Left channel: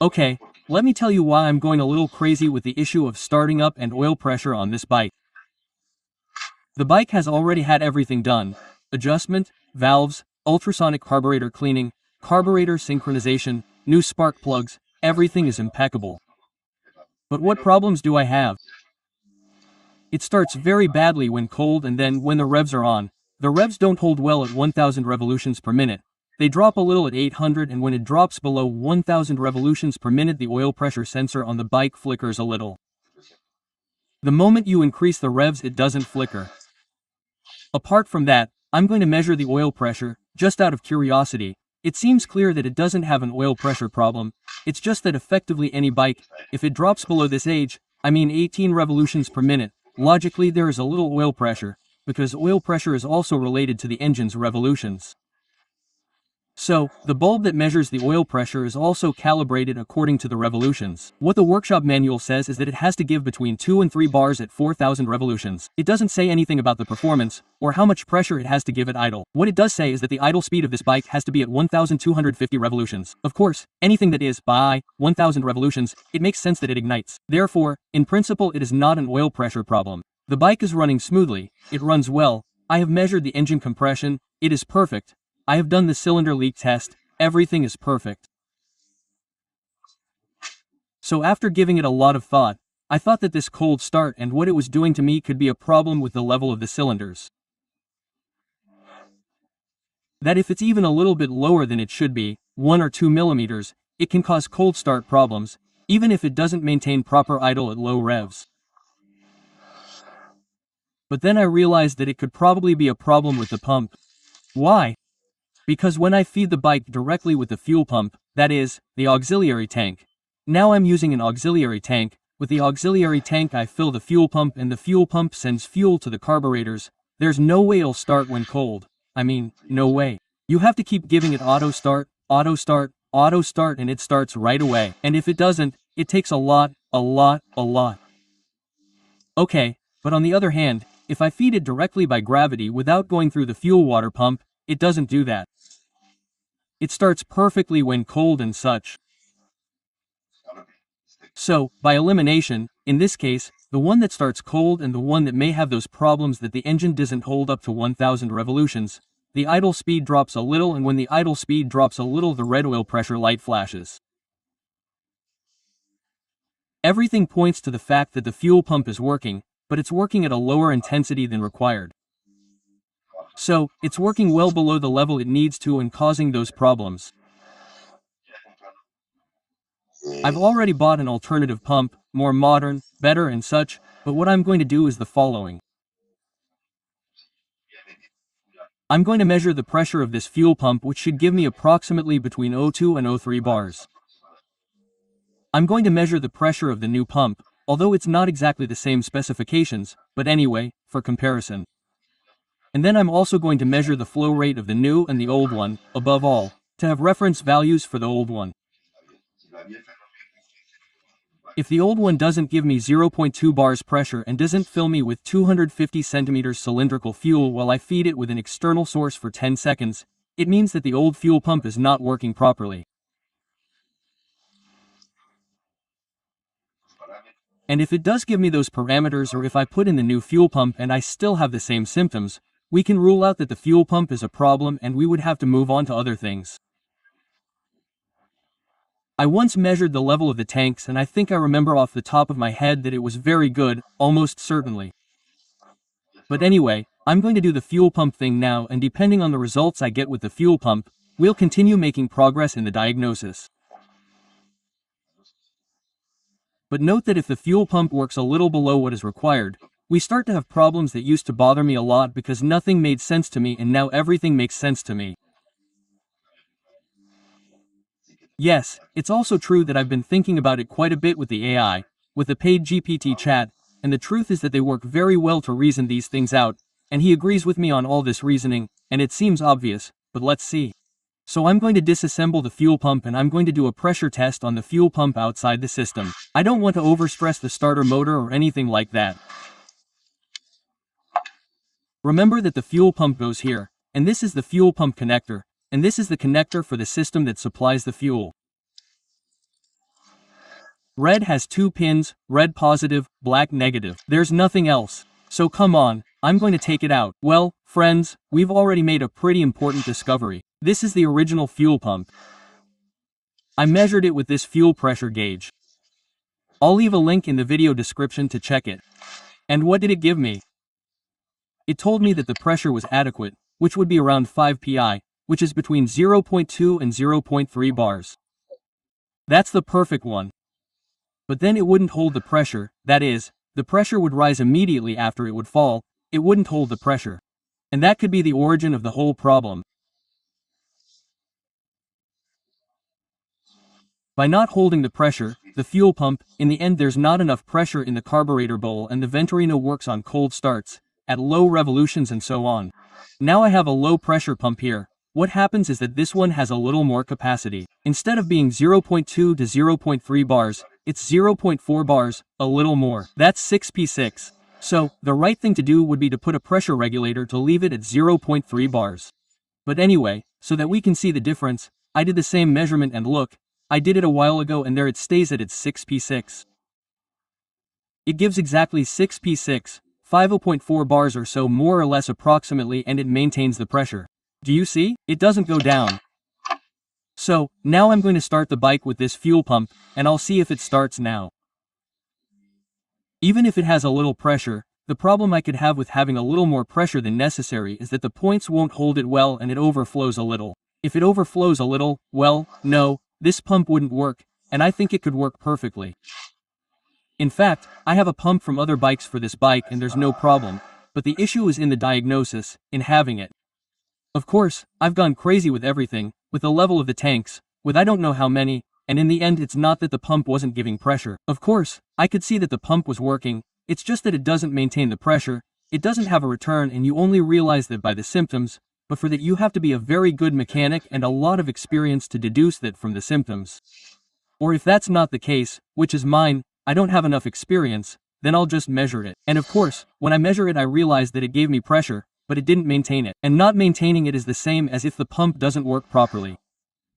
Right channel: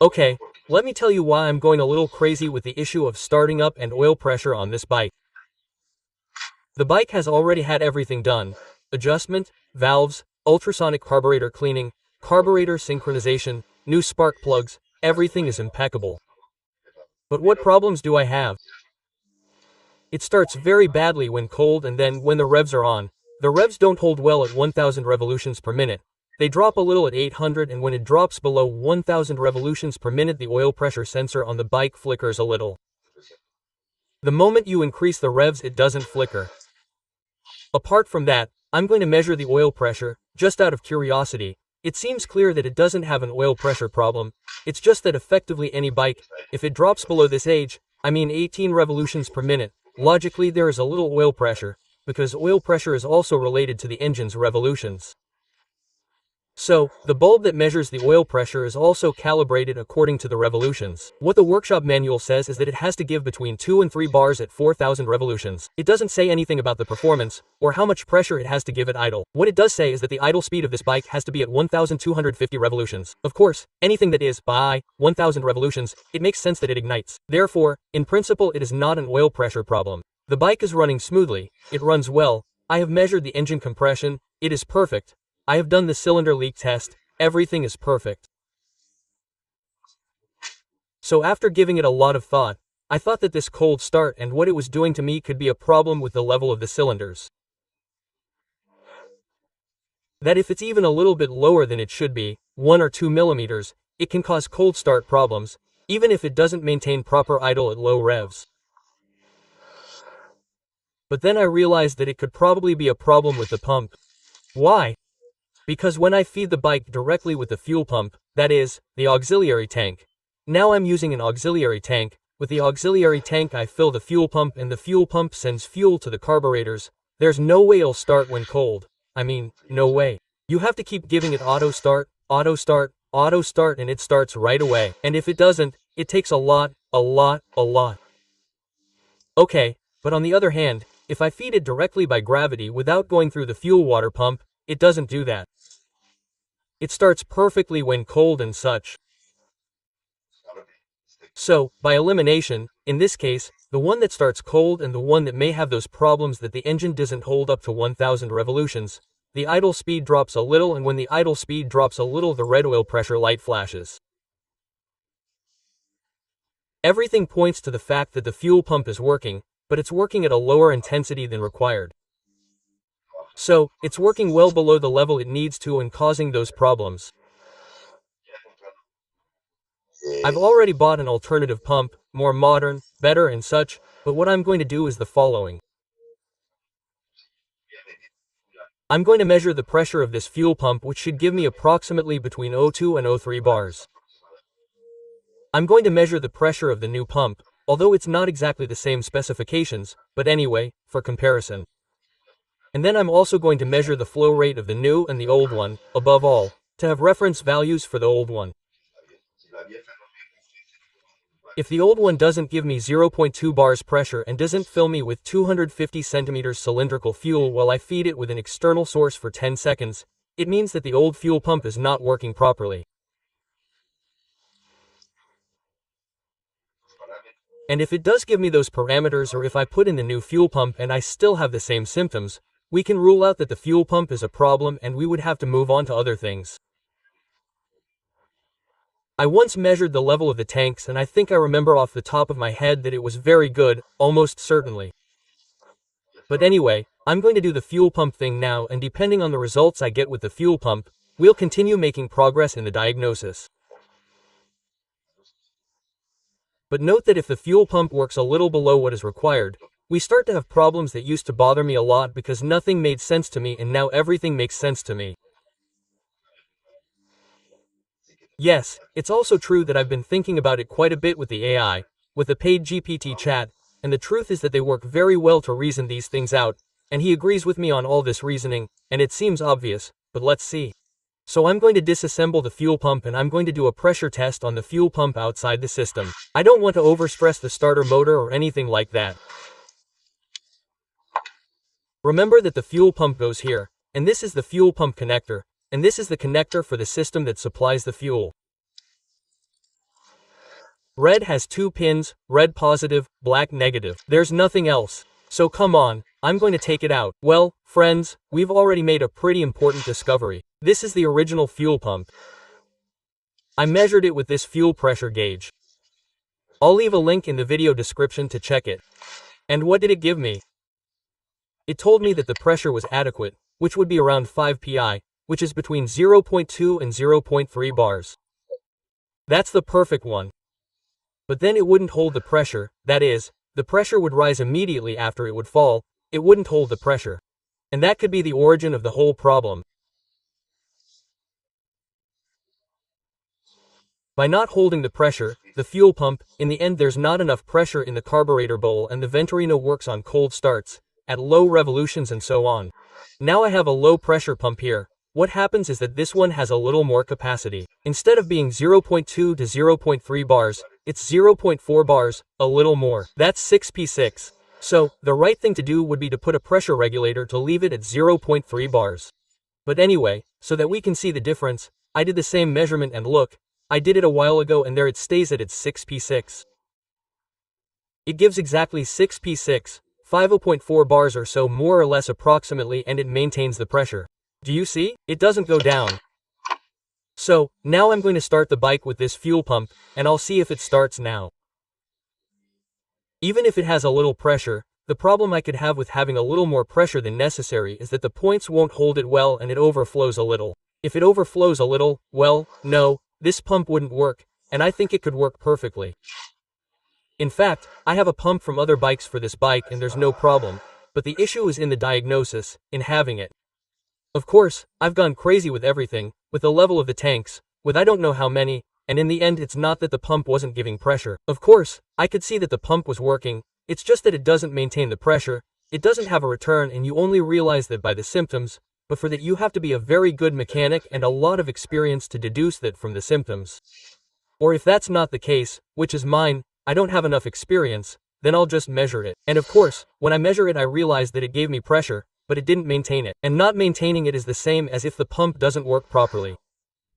Okay, let me tell you why I'm going a little crazy with the issue of starting up and oil pressure on this bike. The bike has already had everything done: adjustment, valves, ultrasonic carburetor cleaning, carburetor synchronization, new spark plugs, everything is impeccable. But what problems do I have? It starts very badly when cold, and then when the revs are on, the revs don't hold well at 1000 revolutions per minute. They drop a little at 800, and when it drops below 1000 revolutions per minute, the oil pressure sensor on the bike flickers a little. The moment you increase the revs, it doesn't flicker. Apart from that, I'm going to measure the oil pressure, just out of curiosity. It seems clear that it doesn't have an oil pressure problem. It's just that effectively any bike, if it drops below this age, I mean 18 revolutions per minute, logically there is a little oil pressure, because oil pressure is also related to the engine's revolutions. So, the bulb that measures the oil pressure is also calibrated according to the revolutions. What the workshop manual says is that it has to give between 2 and 3 bars at 4000 revolutions. It doesn't say anything about the performance, or how much pressure it has to give at idle. What it does say is that the idle speed of this bike has to be at 1250 revolutions. Of course, anything that is, by 1000 revolutions, it makes sense that it ignites. Therefore, in principle it is not an oil pressure problem. The bike is running smoothly, it runs well, I have measured the engine compression, it is perfect. I have done the cylinder leak test, everything is perfect. So after giving it a lot of thought, I thought that this cold start and what it was doing to me could be a problem with the level of the cylinders. That if it's even a little bit lower than it should be, 1 or 2 millimeters, it can cause cold start problems, even if it doesn't maintain proper idle at low revs. But then I realized that it could probably be a problem with the pump. Why? Because when I feed the bike directly with the fuel pump, that is, the auxiliary tank. Now I'm using an auxiliary tank. With the auxiliary tank I fill the fuel pump and the fuel pump sends fuel to the carburetors. There's no way it'll start when cold. I mean, no way. You have to keep giving it auto start, auto start, auto start, and it starts right away. And if it doesn't, it takes a lot. Okay, but on the other hand, if I feed it directly by gravity without going through the fuel water pump, it doesn't do that. It starts perfectly when cold and such. So, by elimination, in this case, the one that starts cold and the one that may have those problems that the engine doesn't hold up to 1000 revolutions, the idle speed drops a little, and when the idle speed drops a little, the red oil pressure light flashes. Everything points to the fact that the fuel pump is working, but it's working at a lower intensity than required. So, it's working well below the level it needs to and causing those problems. I've already bought an alternative pump, more modern, better and such, but what I'm going to do is the following. I'm going to measure the pressure of this fuel pump, which should give me approximately between 0.2 and 0.3 bars. I'm going to measure the pressure of the new pump, although it's not exactly the same specifications, but anyway, for comparison. And then I'm also going to measure the flow rate of the new and the old one, above all, to have reference values for the old one. If the old one doesn't give me 0.2 bars pressure and doesn't fill me with 250 centimeters cylindrical fuel while I feed it with an external source for 10 seconds, it means that the old fuel pump is not working properly. And if it does give me those parameters, or if I put in the new fuel pump and I still have the same symptoms, we can rule out that the fuel pump is a problem and we would have to move on to other things. I once measured the level of the tanks and I think I remember off the top of my head that it was very good, almost certainly. But anyway, I'm going to do the fuel pump thing now, and depending on the results I get with the fuel pump, we'll continue making progress in the diagnosis. But note that if the fuel pump works a little below what is required, we start to have problems that used to bother me a lot because nothing made sense to me, and now everything makes sense to me. Yes, it's also true that I've been thinking about it quite a bit with the AI, with the paid GPT chat, and the truth is that they work very well to reason these things out, and he agrees with me on all this reasoning, and it seems obvious, but let's see. So I'm going to disassemble the fuel pump and I'm going to do a pressure test on the fuel pump outside the system. I don't want to overstress the starter motor or anything like that. Remember that the fuel pump goes here, and this is the fuel pump connector, and this is the connector for the system that supplies the fuel. Red has 2 pins, red positive, black negative. There's nothing else. So come on, I'm going to take it out. Well, friends, we've already made a pretty important discovery. This is the original fuel pump. I measured it with this fuel pressure gauge. I'll leave a link in the video description to check it. And what did it give me? It told me that the pressure was adequate, which would be around 5 psi, which is between 0.2 and 0.3 bars. That's the perfect one. But then it wouldn't hold the pressure, that is, the pressure would rise immediately after it would fall, it wouldn't hold the pressure. And that could be the origin of the whole problem. By not holding the pressure, the fuel pump, in the end there's not enough pressure in the carburetor bowl and the Venturino works on cold starts, at low revolutions and so on. Now I have a low pressure pump here. What happens is that this one has a little more capacity. Instead of being 0.2 to 0.3 bars, it's 0.4 bars, a little more. That's 6p6. So, the right thing to do would be to put a pressure regulator to leave it at 0.3 bars. But anyway, so that we can see the difference, I did the same measurement and look, I did it a while ago and there it stays at its 6p6. It gives exactly 6p6, 50.4 bars or so more or less approximately, and it maintains the pressure. Do you see? It doesn't go down. So, now I'm going to start the bike with this fuel pump, and I'll see if it starts now. Even if it has a little pressure, the problem I could have with having a little more pressure than necessary is that the points won't hold it well and it overflows a little. If it overflows a little, well, no, this pump wouldn't work, and I think it could work perfectly. In fact, I have a pump from other bikes for this bike and there's no problem, but the issue is in the diagnosis, in having it. Of course, I've gone crazy with everything, with the level of the tanks, with I don't know how many, and in the end it's not that the pump wasn't giving pressure. Of course, I could see that the pump was working, it's just that it doesn't maintain the pressure, it doesn't have a return, and you only realize that by the symptoms, but for that you have to be a very good mechanic and a lot of experience to deduce that from the symptoms. Or if that's not the case, which is mine, I don't have enough experience, then I'll just measure it. And of course, when I measure it I realize that it gave me pressure, but it didn't maintain it. And not maintaining it is the same as if the pump doesn't work properly.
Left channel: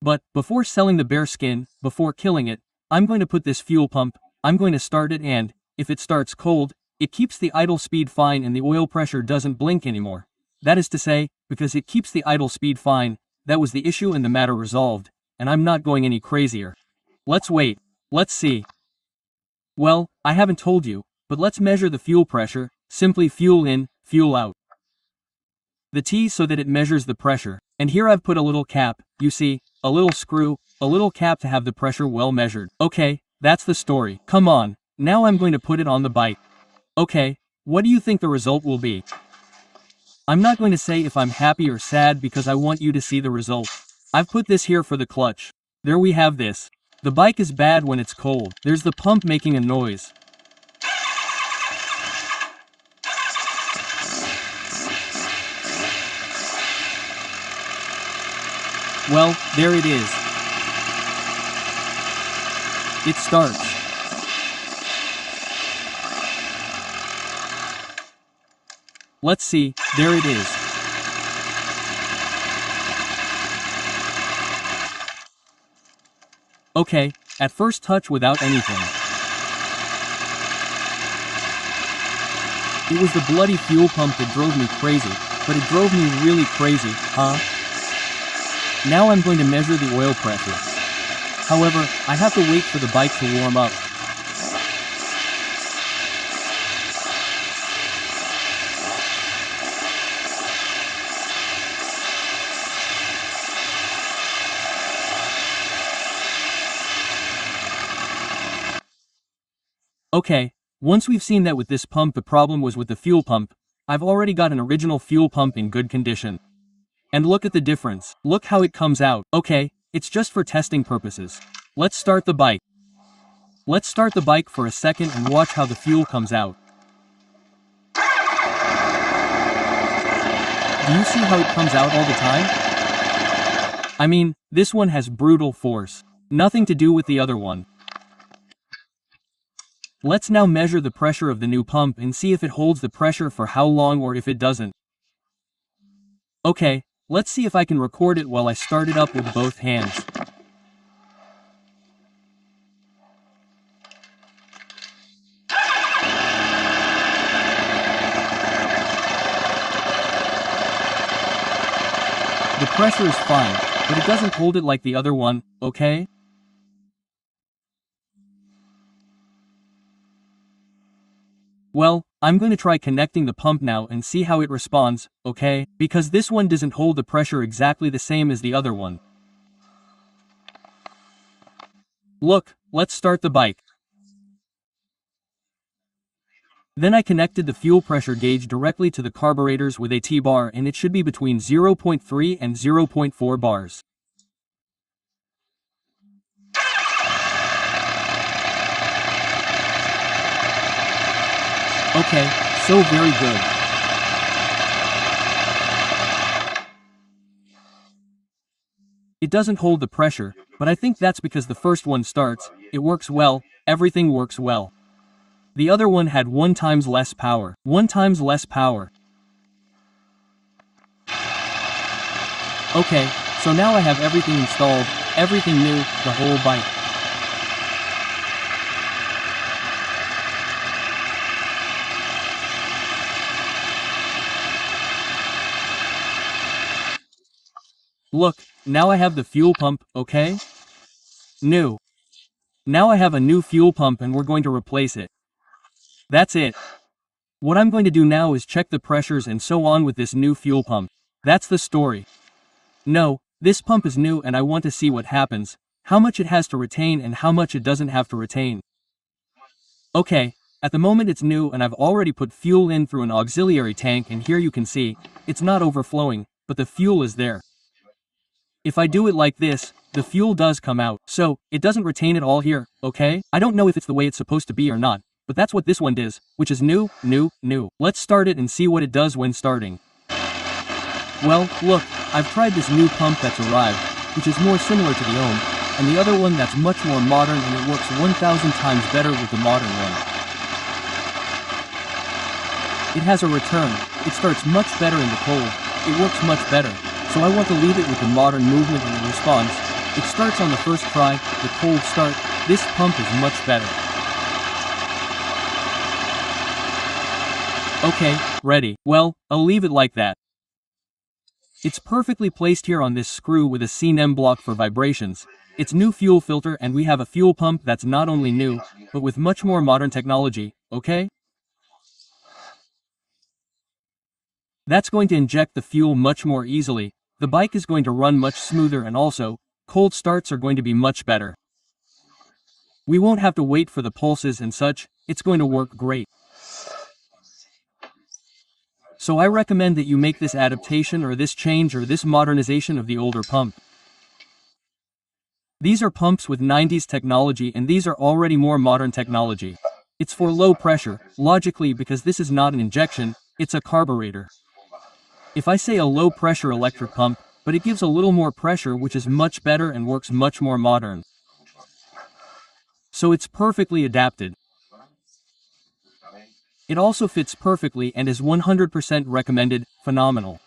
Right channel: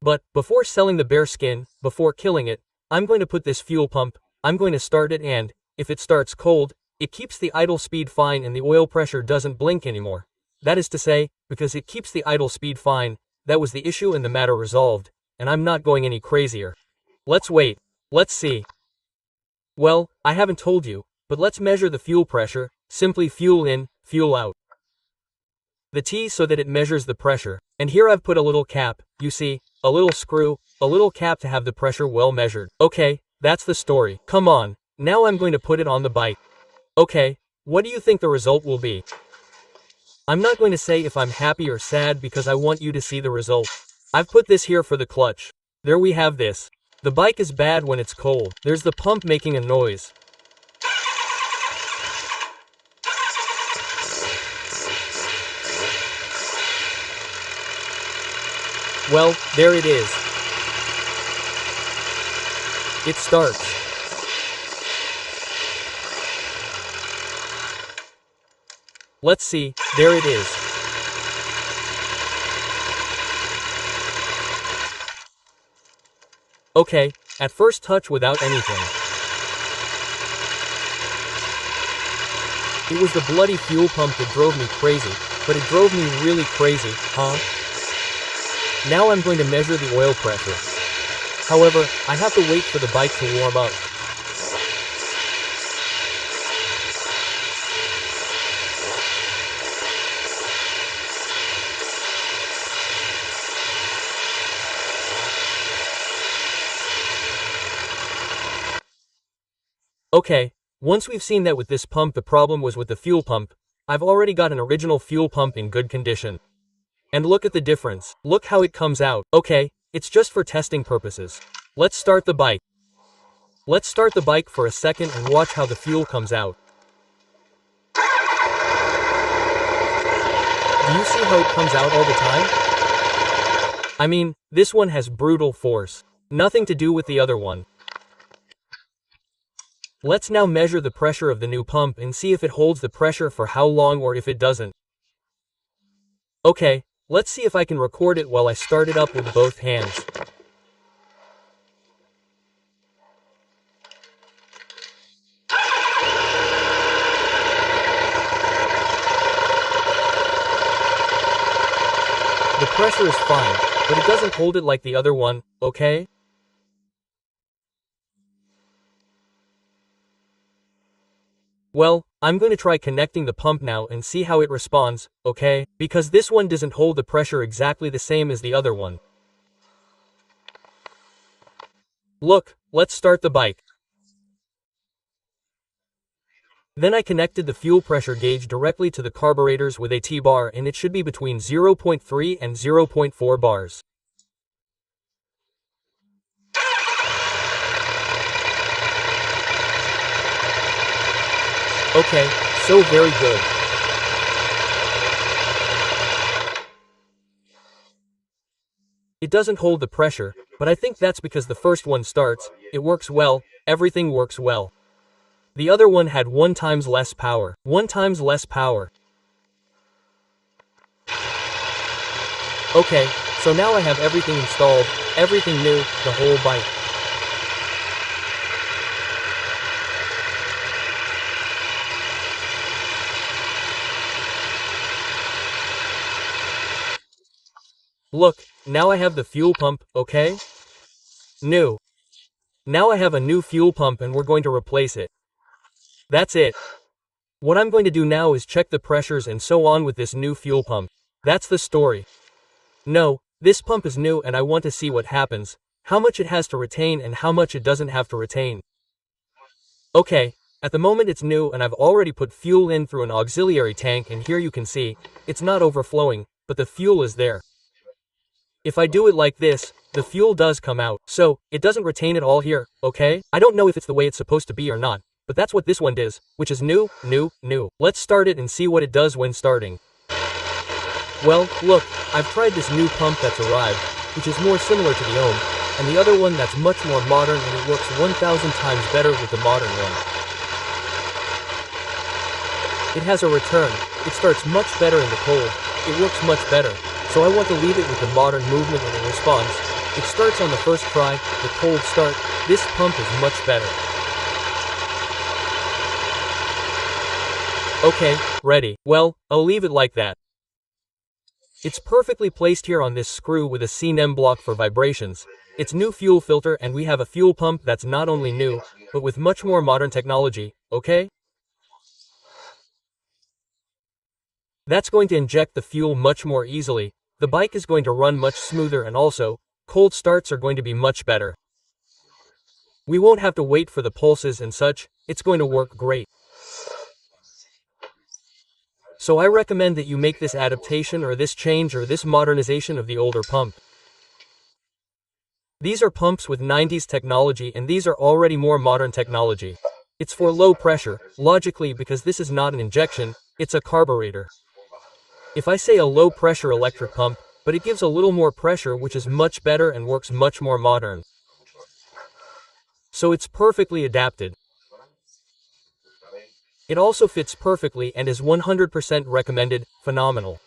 But, before selling the bare skin, before killing it, I'm going to put this fuel pump, I'm going to start it and, if it starts cold, it keeps the idle speed fine and the oil pressure doesn't blink anymore. That is to say, because it keeps the idle speed fine, that was the issue and the matter resolved, and I'm not going any crazier. Let's wait. Let's see. Well, I haven't told you, but let's measure the fuel pressure, simply fuel in, fuel out. The T so that it measures the pressure, and here I've put a little cap, you see, a little screw, a little cap to have the pressure well measured. Okay, that's the story. Come on, now I'm going to put it on the bike. Okay, what do you think the result will be? I'm not going to say if I'm happy or sad because I want you to see the result. I've put this here for the clutch. There we have this. The bike is bad when it's cold. There's the pump making a noise. Well, there it is. It starts. Let's see, there it is. Okay, at first touch without anything. It was the bloody fuel pump that drove me crazy, but it drove me really crazy, huh? Now I'm going to measure the oil pressure. However, I have to wait for the bike to warm up. Okay, once we've seen that with this pump the problem was with the fuel pump, I've already got an original fuel pump in good condition. And look at the difference. Look how it comes out. Okay, it's just for testing purposes. Let's start the bike. Let's start the bike for a second and watch how the fuel comes out. Do you see how it comes out all the time? I mean, this one has brutal force. Nothing to do with the other one. Let's now measure the pressure of the new pump and see if it holds the pressure for how long or if it doesn't. Okay, let's see if I can record it while I start it up with both hands. pressure is fine, but it doesn't hold it like the other one, okay? Well, I'm going to try connecting the pump now and see how it responds, okay? Because this one doesn't hold the pressure exactly the same as the other one. Look, let's start the bike. Then I connected the fuel pressure gauge directly to the carburetors with a T-bar, and it should be between 0.3 and 0.4 bars. Okay, so very good. It doesn't hold the pressure, but I think that's because the first one starts, it works well, everything works well. The other one had 1 times less power. 1 times less power. Okay, so now I have everything installed, everything new, the whole bike. Look, now I have the fuel pump, okay? New. Now I have a new fuel pump and we're going to replace it. That's it. What I'm going to do now is check the pressures and so on with this new fuel pump. That's the story. No, this pump is new and I want to see what happens, how much it has to retain and how much it doesn't have to retain. Okay, at the moment it's new and I've already put fuel in through an auxiliary tank, and here you can see, it's not overflowing, but the fuel is there. If I do it like this, the fuel does come out, so it doesn't retain it all here, okay? I don't know if it's the way it's supposed to be or not, but that's what this one does, which is new. Let's start it and see what it does when starting. Well, look, I've tried this new pump that's arrived, which is more similar to the Ohm, and the other one that's much more modern, and it works 1,000 times better with the modern one. It has a return, it starts much better in the cold, it works much better, so I want to leave it with the modern movement and the response. It starts on the first try, the cold start. This pump is much better. Okay, ready. Well, I'll leave it like that. It's perfectly placed here on this screw with a CNEM block for vibrations. It's new fuel filter, and we have a fuel pump that's not only new, but with much more modern technology, okay? That's going to inject the fuel much more easily. The bike is going to run much smoother, and also, cold starts are going to be much better. We won't have to wait for the pulses and such, it's going to work great. So I recommend that you make this adaptation or this change or this modernization of the older pump. These are pumps with 90s technology, and these are already more modern technology. It's for low pressure, logically, because this is not an injection, it's a carburetor. If I say a low pressure electric pump, but it gives a little more pressure, which is much better and works much more modern. So it's perfectly adapted. It also fits perfectly and is 100% recommended, phenomenal.